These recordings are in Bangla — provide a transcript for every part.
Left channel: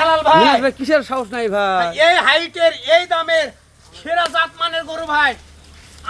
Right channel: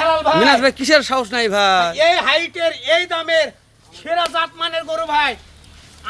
হালাল ভাই। মিনাজ ভাই কিসের সাহস নাই ভাই? এই হাইটের এই দামের সেরা জাতমানের গরু ভাই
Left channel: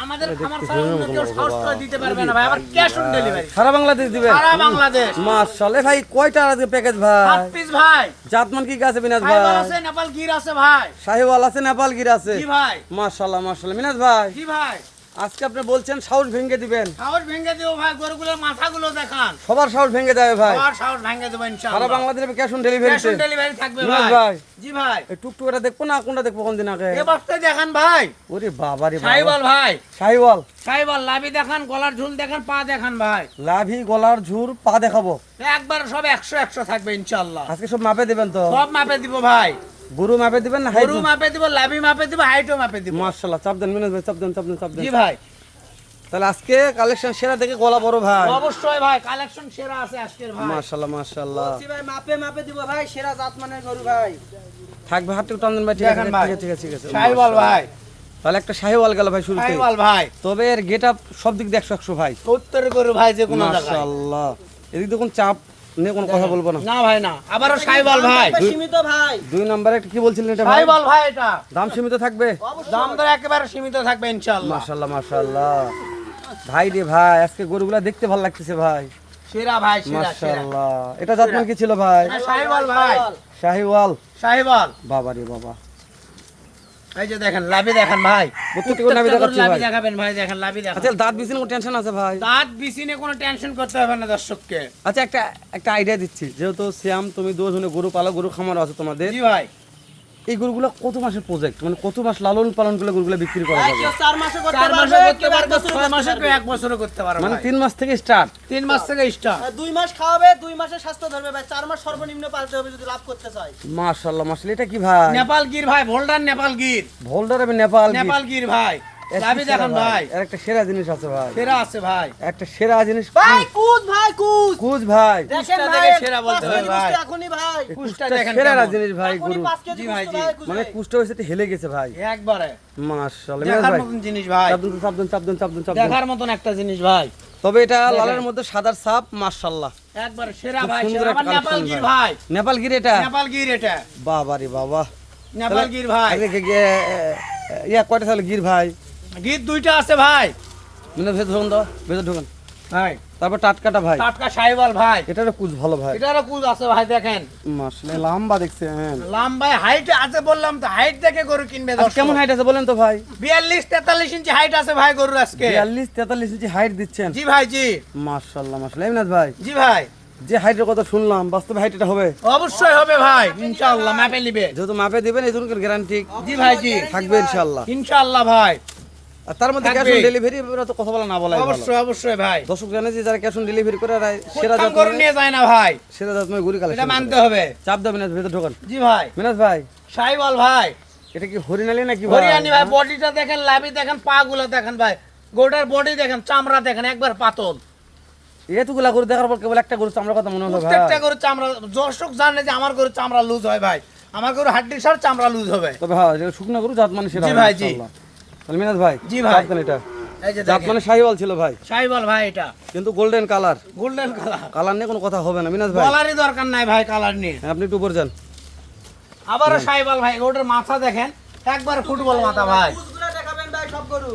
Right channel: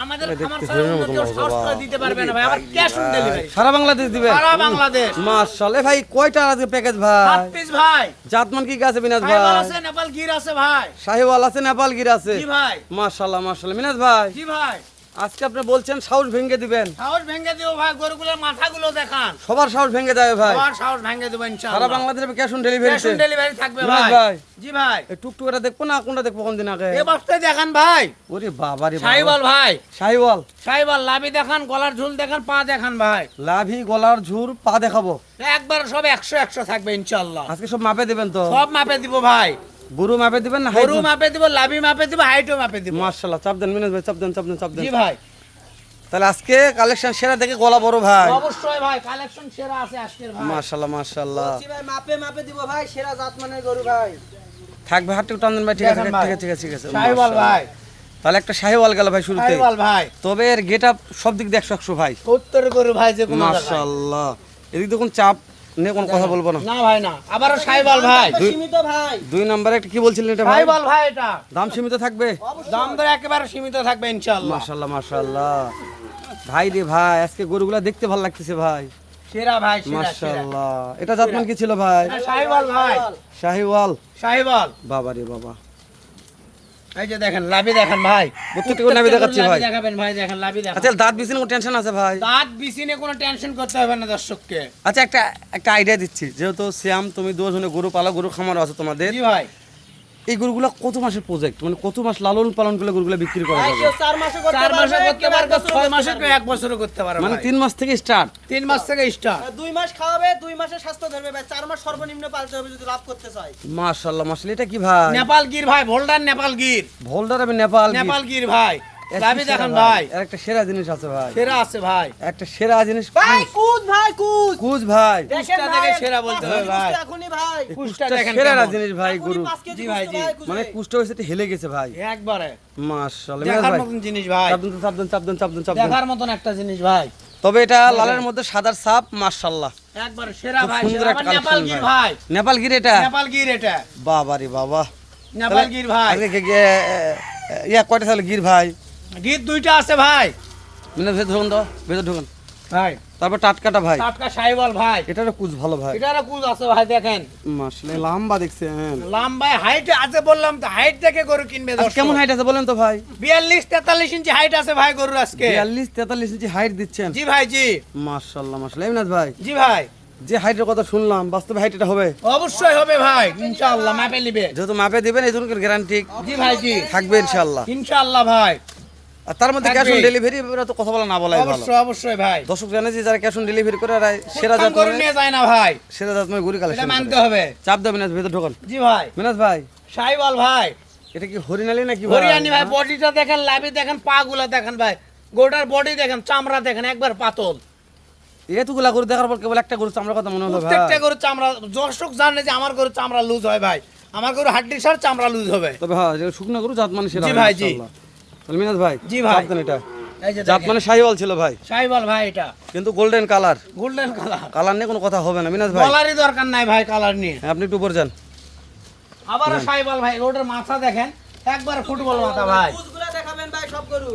আমাদের খামার ছাড়া অন্য কেউ সাহস করে দিতে পারবে না ভাই। আবার ক্যাশ অন ডেলিভারি সারা বাংলাদেশ দিবেন? সারা বাংলাদেশ। মাশাআল্লাহ ভাই কয়টা আজকে প্যাকেজ ভাই? 7 পিস ভাই। জাতমান কি আছে মিনাজ ভাই ভাই? আছে নেপাল গির আছে ভাই। শাহিওয়াল আছে, নেপাল গির আছে। জি ভাই। মাশাআল্লাহ মাশাআল্লাহ। মিনাজ ভাই জি ভাই। আজকে আপনি বলছেন সাহস ভেঙে দিবেন। সাহস ভেঙে দিও ভাই, গরুগুলোর মাথাগুলো দেখান। সবার সাহস ভেঙে যাবে ভাই। সবার সাহস ভেঙে দেব ইনশাআল্লাহ। সারা বাংলাদেশে ক্যাশ অন ক্যাশ ডেলিভারিতে অন ডেলিভারি থাকবে মিনাজ ভাই। ভাই জি ভাই। এই টুকটুকটা দেখবো না কোনটা দেখবো কোন দিন আগে? এই বস্তায় দেখান ভাই। ওরে বাবা রে বাবা। সাইওয়াল ভাই। শাহিওয়াল সাইওয়াল লাভি দেখান, গলার ঝুল দেখান, পা দেখান ভাই। লাভি গলার ঝুর পা দেখাবো। একবার সব 100 থাকবে ইনশাআল্লাহ। আজকে সব মাপে দিবেন তো? সব মাপে দিব ভাই। গরু মাপে দিবেন না হাইট? গরু মাপে দিব, লাভি মাপে দিব, হাইটও মাপে দিব। মাশাআল্লাহ। চাপ দেন মিনাজ ভাই, চাপ দেন চাপ দেন চাপ দেন। জি ভাই। তাহলে আজকে কালেকশন সেরা দেখে গলা বড় ভাই। অবশ্যই ভাই, কালেকশন সেরা আছে আজকের ভাই। মাশাআল্লাহ মাশাআল্লাহ। ভাই মাপে মাপে দিব ভাই, সেরা জাতমানের গরু ভাই। থাকবে হাতটুকু টান দেন ভাই। ঠিক আছে দেখেন ভাই। ঠিক আছে ঠিক আছে। সাইওয়াল ভাই। তাহলে একটা শাহিওয়াল গেল ভাই শুরুতে। সাইওয়াল ভাই। তবে এর গেটআপ সব দিক দিয়ে 100 ভাই। উত্তর গরু ভাই, যে কোনো জায়গায়। মাশাআল্লাহ। এদিক দেখুন চাপ নিয়ে কোনো কথা বলবো না। না ভাই না। আবারও সাইওয়াল ভাই। সীমিত ভাই। 2 নম্বরে একটা কি বলছিলেন এটা ভাই? সাইওয়াল ভাই এটা। দাম সীমিত থাকবে? দাম দর একেবারে সীমিত থাকবে ইনশাআল্লাহ। মাশাআল্লাহ মাশাআল্লাহ। ভাই রে ভাই আজকে গরুগুলা দেখতে ভালো লাগতেছে ভাই। সেরা ভাই, সেরা সেরা। মাশাআল্লাহ। এটা জাতমান কি ছিল ভাই? সাইওয়াল ভাই। শাহিওয়াল। সাইওয়াল। বাবা রে বাবা। এই যে দেখেন লাভি দেখেন ভাই। প্রত্যেকটা গরু নাভি দেখাচ্ছি ভাই। লাভি দেখাবেন ভাই, দেখেন লাভি দেখেন। আচ্ছা দাঁত বিছিনে কোনো টেনশন আছে ভাই? দাঁত বিছিনে কোনো টেনশন করতে হবে না দর্শককে। আচ্ছা একটা আইডিয়া দিচ্ছি, যেহেতু শ্যাম তুমি দুজনে গরু পালা, গরু খামার আছে তোমাদের, জি ভাই। এই গরুগুলো কত মাসের প্রজেক্ট, মানে কত মাস লালন পালন করলে গরুগুলো বিক্রি করা ভাই যাবে? কেউ 4 মাসে করতে 4 পারবে, মাসে করতে কেউ 1 পারবে, বছরে 6 করতে মাসে, পারবে। কেউ 1 বছরে করতে পারবে মানে ভাই। 3 মাস থেকে স্টার্ট। 3 মাস থেকে স্টার্ট। আর 2 মাস খাওয়াবে, 2 মাসে স্বাস্থ্য ধরবে ভাই। 4 মাস সর্বনিম্ন পালতে হবে যদি লাভ করতে চাই। মাশাআল্লাহ মাশাআল্লাহ। এটা কি ভাই? নেপাল গির ভাই, ভোল্ডার নেপাল গির। ভোল্ডার আমি নেপাল গির। নেপাল গির ভাই। এর কি লাভি সেরা দেখেন ভাই। এর একটা সেরা জিনিস আছে ভাই। সেরা আছে ভাই। একটা সেরা জিনিস ভাই কুজ ভাই কুজ। কুজ ভাই। দেখেন কুজটা ভাই দেখে সেরা বলতে হবে ভাই। এখনই ভাই। এই কুজটা কুজটা দেখেন সেরা কেমন। জিনিস ভাই গরু। 5 কেজি জি ভাই, কুজ জি। ভাই, কুজ মানে ভাই। কুজটা হইছে হেলে গেছে ভাই। একবারে মাশাআল্লাহ। মিনাজ দেখার ভাই মতন জিনিস ভাই। চাপ দেন চাপ দেন চাপ দেন চাপ দেন চাপ দেন। দেখার মতন একটা জিনিস ভাই। তবে এটা লালের মধ্যে সাদার ছাপ মাশাআল্লাহ। একবারে সেরা খুব ভাই। সুন্দর সেরা একটা আবার নেপাল কালেকশন গির ভাই। ভাই। নেপাল গির এটা? নেপাল গির এটা। বাবা রে বাবা। নেপাল গির ভাই। আজকে ইয়া কয়টা তাহলে গির ভাই? গির 2টা আছে ভাই। মিনাজ ভেতর ঢুকুন তো, ভেতর ঢুকুন। ভাই তারপর টাটকাটা ভাই। টাটকা সাইওয়াল ভাই। এটারও কুজ ভালো ভাই। এটারও কুজ আছে ভাই, দেখেন মাশাআল্লাহ লম্বা দেখছেন। লম্বায় হাইটে আছে, বললাম তো হাইট দেখে গরু কিনবে আচ্ছা, দর্শক। কেমন হাইট আছে বলেন তো ভাই? 42-43 ইঞ্চি হাইট আছে ভাই গরুর আজকে। 42-43 ইঞ্চি হাইট দিচ্ছেন? জি ভাই, জি। মাশাআল্লাহ মাশাআল্লাহ। মিনাজ ভাই জি ভাই। যে হাইটের কথা শুনলাম বাস্তবে হাইট এটা হবে? অবশ্যই হবে ভাই, ইনশাআল্লাহ মাপে নিবে। যেহেতু মাপে দিবেন এই জন্য গ্যারান্টি জি ভাই, জি। থাকবে ইনশাআল্লাহ। ইনশাআল্লাহ ভাই। আর তার মধ্যে ক্যাশ অন থাকবে। ডেলিভারি তো কথা বলা না বলাই ভালো। অবশ্যই অবশ্যই ভাই। দর্শক জানে যে যারা ক্যাশ অন ডেলিভারি করে আর সেরা প্রথম গরু জাত নিয়ে যায় না ভাই, সেরা জাত মানে গরু এটা কালেকশন মানতে হবে। চাপ দাও মিনাজ ভেতর ঢোকান। জি ভাই। মিনাজ ভাই সাইওয়াল ভাই। এটা কি হরিণালি নাকি ভাই? হরিয়ানি ভাই, বডিটা দেখেন, লাভি দেখেন, পা গুলা দেখেন ভাই, গোটার বডি দেখেন, চামড়া দেখেন একবার পাতল। এতগুলা গরু দেখার পর কেবল একটা গরু চামড়ার কথা মনে হলো ভাই। প্রত্যেকটা গরু চামড়া, দর্শক জানে যে আমার গরু চামড়া লুজ হয় ভাই, আমার গরু হাড্ডির সার চামড়া লুজ হবে। তবে হ্যাঁ যেটা শুকনো গরু জাত মানে সেরা জি হয় ভাই, জি। ইনশাআল্লাহ। তাহলে মিনাজ ভাই জি ভাই। চাপ দেন এটা। এই যে জাত দেখেন মানে শাহিওয়াল ছিল ভাই, সাইওয়াল ভাই, এটা কিন্তু golden colour. Golden colour. Colour নিয়ে কোনো কথা হবে না মিনাজ ভাই। কালারই দরকার নাই ভাই, কালার নিয়ে। হ্যাঁ, আপনি একটু উপর যান। আবারও সাইওয়াল ভাই, ওটার মাথা দেখেন একবার ফুটবল মাথা ভাই। কুজগুলা দেখাবেন ভাই সব গরু।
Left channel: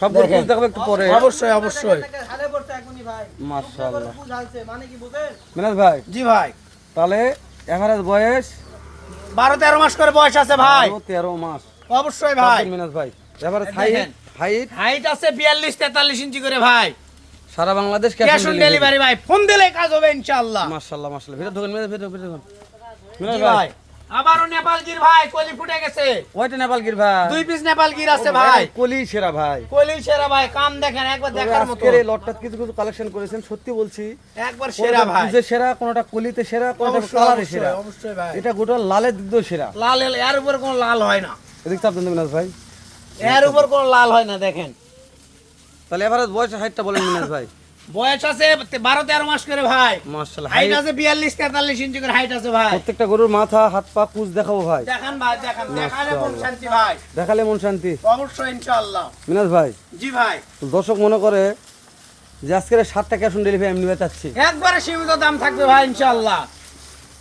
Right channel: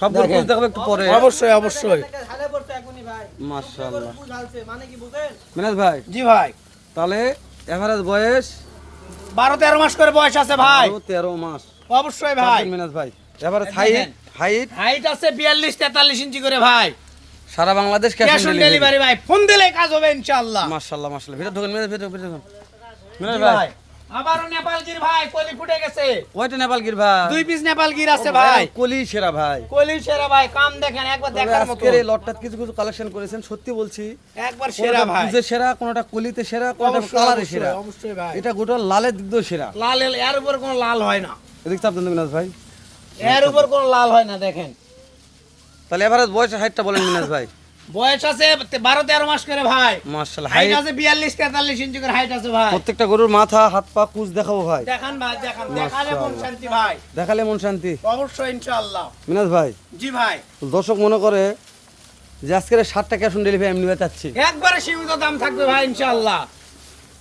সব গরু দেখেন। দেখাবো একটু পরে। অবশ্যই অবশ্যই। হালে পড়তে এখনই ভাই। মাশাআল্লাহ। কুজ হালছে মানে কি বুঝেন? মিনাজ ভাই জি ভাই। তাহলে এভারেজ বয়স 12-13 মাস করে বয়স আছে ভাই। 13 মাস। অবশ্যই চাপ ভাই। দেন মিনাজ ভাই। এভারেজ দেখেন। হাইট হাইট আছে 42-43 ইঞ্চি করে ভাই। সারা Bangladesh cash cash on on delivery. Delivery ভাই, ফোন দিলে কাজ হবে ইনশাআল্লাহ। মাশাআল্লাহ মাশাআল্লাহ। ভিতর ঢোকেন মিনাজ, ভিতর ঢোকেন। মিনাজ জি ভাই ভাই। আবারও নেপাল গির ভাই, কলি ফুটে গেছে। কয়টা নেপাল গির ভাই? 2 পিস নেপাল গির আছে ভাই। কলি সেরা ভাই। কলি সেরা ভাই, কাম দেখেন একবার তবে দেখার মতো। আজকের এই লটটা কিছু কিছু কালেকশন করেছেন, সত্যি বলছি একবার সেরা কোনটা ভাই। কুজে সেরা, কোনটা কলিতে সেরা, কোনটা অবশ্যই, কালারে অবশ্যই, সেরা। অবশ্যই ভাই। এটা গোটা লালের দিক দিয়ে সেরা। লাল এর উপর কোনো লাল হয় না, এদিক চাপ দেন মিনাজ ভাই। এর উপর কোনো লাল হয় না দেখেন। তাহলে এভারেজ বয়স হাইটটা বলেন মিনাজ ভাই। বয়স আছে 12-13 মাস করে ভাই। মাশাআল্লাহ। হাইট হাইট আছে 42-43 ইঞ্চি করে হাইট আছে ভাই। প্রত্যেকটা গরুর মাথা হাত পা কুজ দেখাবো ভাই। দেখান ভাই, দেখান, দেখালে মন মাশাআল্লাহ। শান্তি ভাই। দেখালে মন শান্তি। অবশ্যই ইনশাআল্লাহ। মিনাজ ভাই জি ভাই। দর্শক মনে করে যে আজকের 60 টাকা ক্যাশ অন ডেলিভারি আমি নিতে চাচ্ছি, একবারে সীমিত দাম থাকবে ভাই ইনশাআল্লাহ।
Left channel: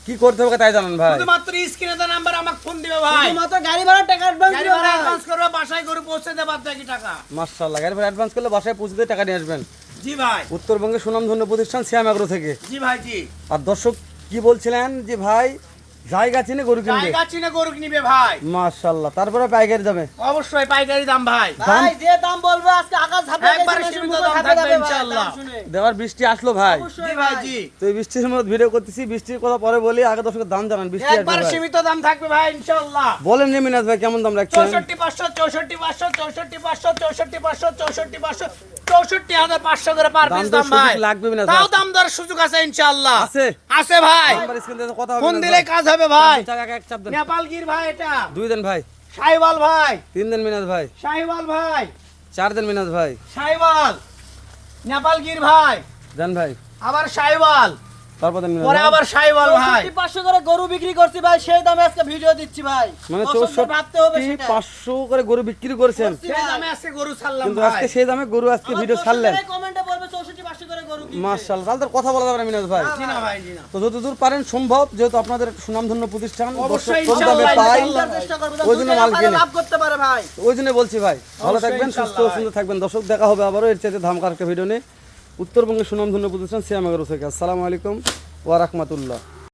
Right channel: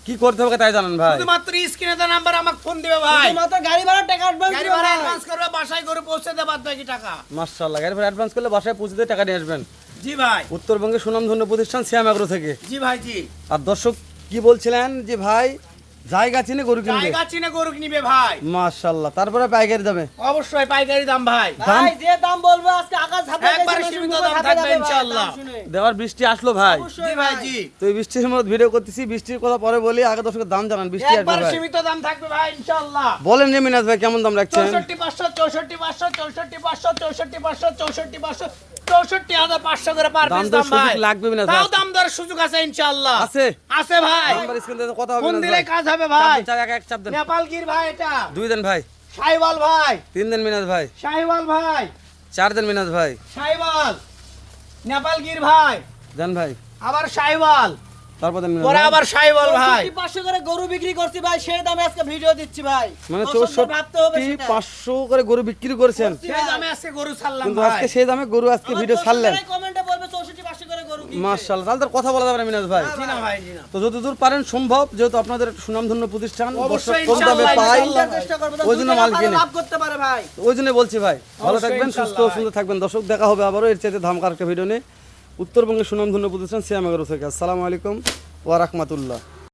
কি করতে হবে তাই জানান ভাই। শুধুমাত্র স্ক্রিনে দেওয়া নাম্বার আমাকে ফোন দিবে ভাই, শুধুমাত্র গাড়ি ভাড়ার টাকা অ্যাডভান্স গাড়ি দিও ভাড়া ভাই। অ্যাডভান্স করবে, বাসায় গরু পৌঁছে দেব বাদ বাকি টাকা। মাশাআল্লাহ, গাড়ি ভাড়া অ্যাডভান্স করলে বাসায় পৌঁছে দিয়ে টাকা নিয়ে আসবেন। জি ভাই, উত্তরবঙ্গের সুনামধন্য প্রতিষ্ঠান সিয়াম এগ্রো থেকে। জি ভাই, জি। আর দর্শক কি বলছিলেন যে ভাই জায়গা চিনে গরু কিনবে, জায়গা চিনে গরু নিবে ভাই, মাশাআল্লাহ, তারপরে পাইকারি যাবে। অবশ্যই পাইকারি দাম ভাই। ভাই যে দাম বলবে আজকে আকাশ ঝাপে একবার গেছে, সীমিত মুখে দাম ঝাপে থাকবে যাবে ভাই, ইনশাআল্লাহ। দাম শুনে। দেওয়ার বৃষ্টি আসলো ভাই, জি ভাই, জি। তো এই বৃষ্টির মধ্যে ভিডিও করতেছি, বৃষ্টির কথা পরে বলি, আগে দর্শকের দাম জানান। বৃষ্টি আসবে একবার ভাই, সীমিত দাম থাকবে ভাই ইনশাআল্লাহ। বলেন যে মিনাজ ভাই কেমন দাম রাখছেন? 64,500 64,500 64,500 64,500 64,500 করে পার দাম পিস দর দাম ভাই। সুযোগ লাগবে মিনাজ তাও ভাই, দাম দর সুযোগ আছে ইনশাআল্লাহ। আছে আছে ভাই, নাম্বার স্ক্রিনে দেওয়া কথা হবে ফোন মিনাজ দিলে ভাই। কাজ হবে ভাই। চাপ দেন, এক চাপ দেন। নেপালগির ভাই, এটা 2 দেন ভাই, শাহিওয়াল ভাই, 3 দেন মিনাজ ভাই, শাহিওয়াল ভাই, 4 দেন মিনাজ ভাই, শাহিওয়াল, নেপালগির ভাই, দেন ভাই, আবার শাহিওয়াল, তারপর দেন মিনাজ পরে ভাই। আবার শাহিওয়াল ভাই। 64,500 করে গরু বিক্রি করছি ভাই, সেই দামে আজকে ভিডিও দিচ্ছি ভাই। মানে দর্শকদের ভাবতে হবে সেটা। 64,500 করে গরু বিক্রি করেছেন, সেই দামে আজকে গরু ছাড়লাম কিন্তু ভাই। আজকে সেই দামে গরু আজকে ভিডিও ছাড়লেন। দর্শকরাই কমেন্টে বলবে 64,500 করে গরু কিনবে। মাশাআল্লাহ, তাহলে তো কথা বলা যাবে না মিনাজ ভাই। জি না ভাই, জি না। তো যতদূর পারেন সম্ভব, যেহেতু আপনাদের একটা সুনামধন্য প্রতিষ্ঠান, দর্শক অবশ্যই কম দামে ইনশাআল্লাহ, পাই, ইনশাআল্লাহ। চেষ্টা করবে, ওই জন্য মাল দুটো কিনে। লাভ করতে পারে ভাই। ওই জন্য বলছি ভাই, ভালো অবশ্যই থাকবেন, সুস্থ ইনশাআল্লাহ সুন্দর থাকবেন। দর্শক দেখা হবে আবারও এর চাইতে ধামাকা একটা ভিডিও নিয়ে উত্তরবঙ্গের সুনামধন্য প্রতিষ্ঠান সিয়াম এগ্রো থেকে। আসসালামু আলাইকুম ওয়া রাহমাতুল্লাহ।